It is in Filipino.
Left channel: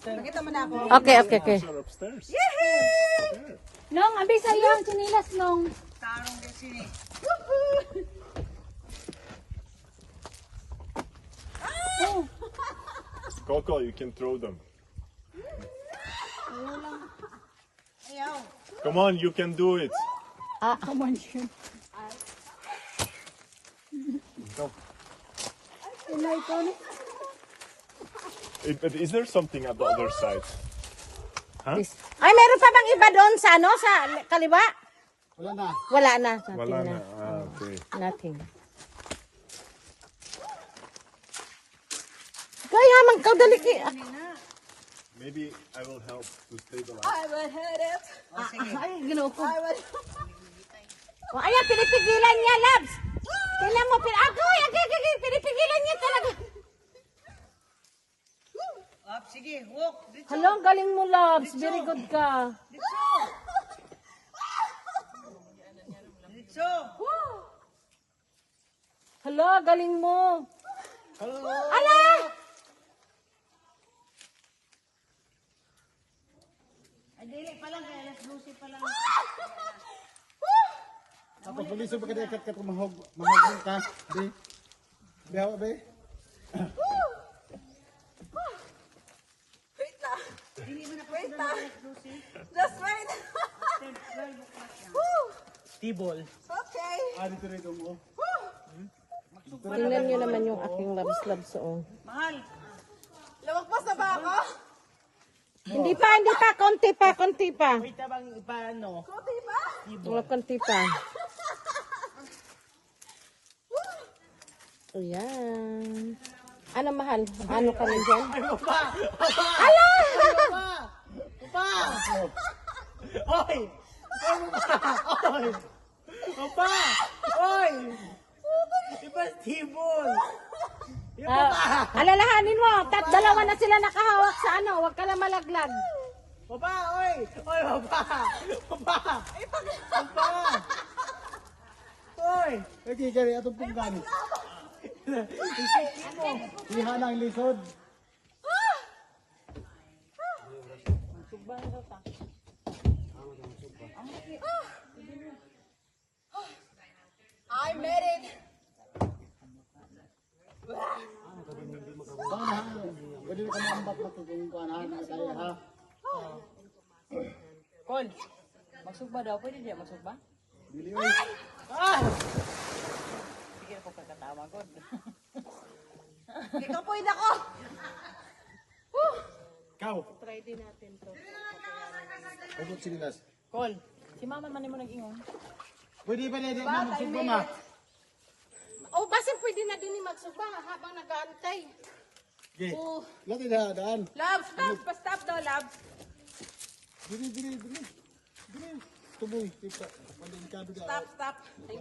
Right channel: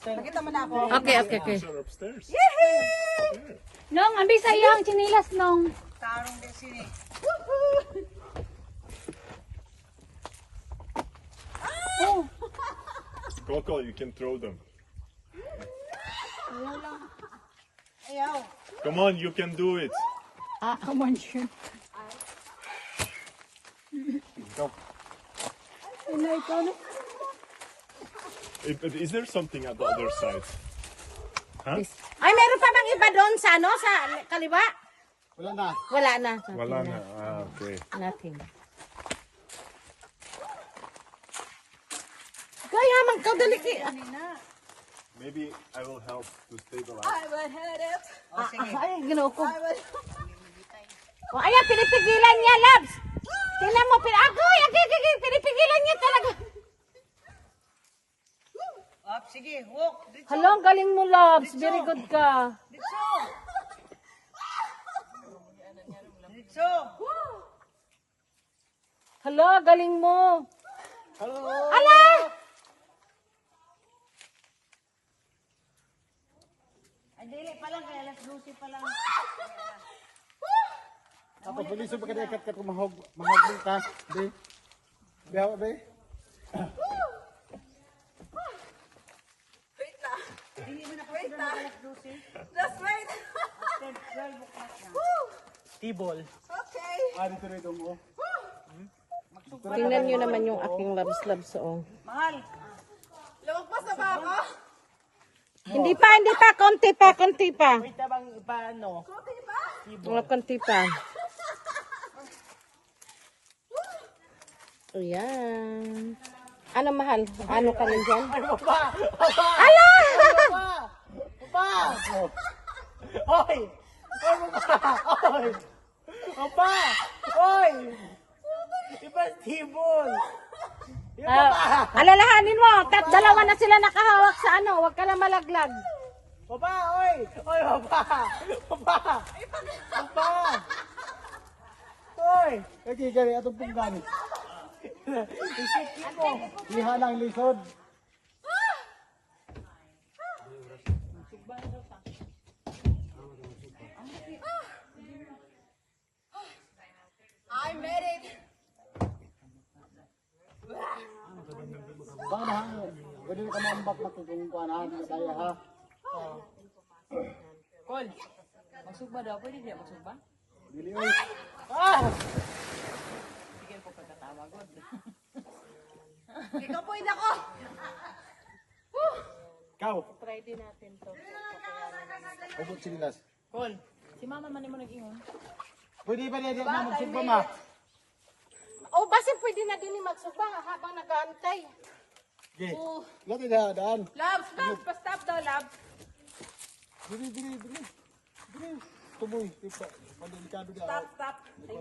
Nakita mo na ako. Okay, okay, okay. Are upstairs. Nong, ambil sa iyong chinilas, Nong. Coco, you can throw them. Come on, you can do it. Come on, sure. But is there something at the other side? Huh? Ay, meron pa bang iba doon sa ano? Sa kaliwa? Wala na. Wala na. Wala na. Ah, okay. Nothing. Kaya magkadali ki. Maybe I will help to stabilize. Ay, ginawa ko. Ayan, pinipigilan niya, Labs. Tingnan mo, pinipigilan niya talaga. Hala, ang galing mo, Labs. Very good ka. Hala, galing mo. Ala! Tapos puliso pa kada ikat ka mahog ka. Be. Gawa be. Wait na. Just wait. Tibol. Okay. Ari to rin mo. Tingnan nyo naman yung aking labs-labs. Oh. Lumagpas na ba ako? Hindi pa. Konti pa. Wait tabang paano? Kuti ba? Mga konti pa. O yan. Ano, mahal? Ano ka lang dyan? Ala! Pa! Oy! Oy! Opa! Oy! Iba tibol! Alalahanin mo, dalawa na sila nakahawak sa ano, huwag ka na malaglag. Opa! Oy! Oy! Opa! Opa! Opa! Oy! Oy, kaya atong punggan. Iha ng likod. I made it. Panahan. Pwede ka maambak natin kung panahan na kaya ha. Kol, masuk ba daw? Pwede diya masuk ba? Dili oy. Ah! Sige ako pagkatawa ko. Ikaw po ako. Ciao. Try din natin to. Ogot silas. Call, si mama man mo nag-ingon. Pwede ba niya masuk ba ma? Oh, basta pwede na din magsuba habang nag-aantay. Di. Oh. Lati na daan. Labs, pa-stop daw, Labs. Dili. Tumoy. Delikado daw. Stop.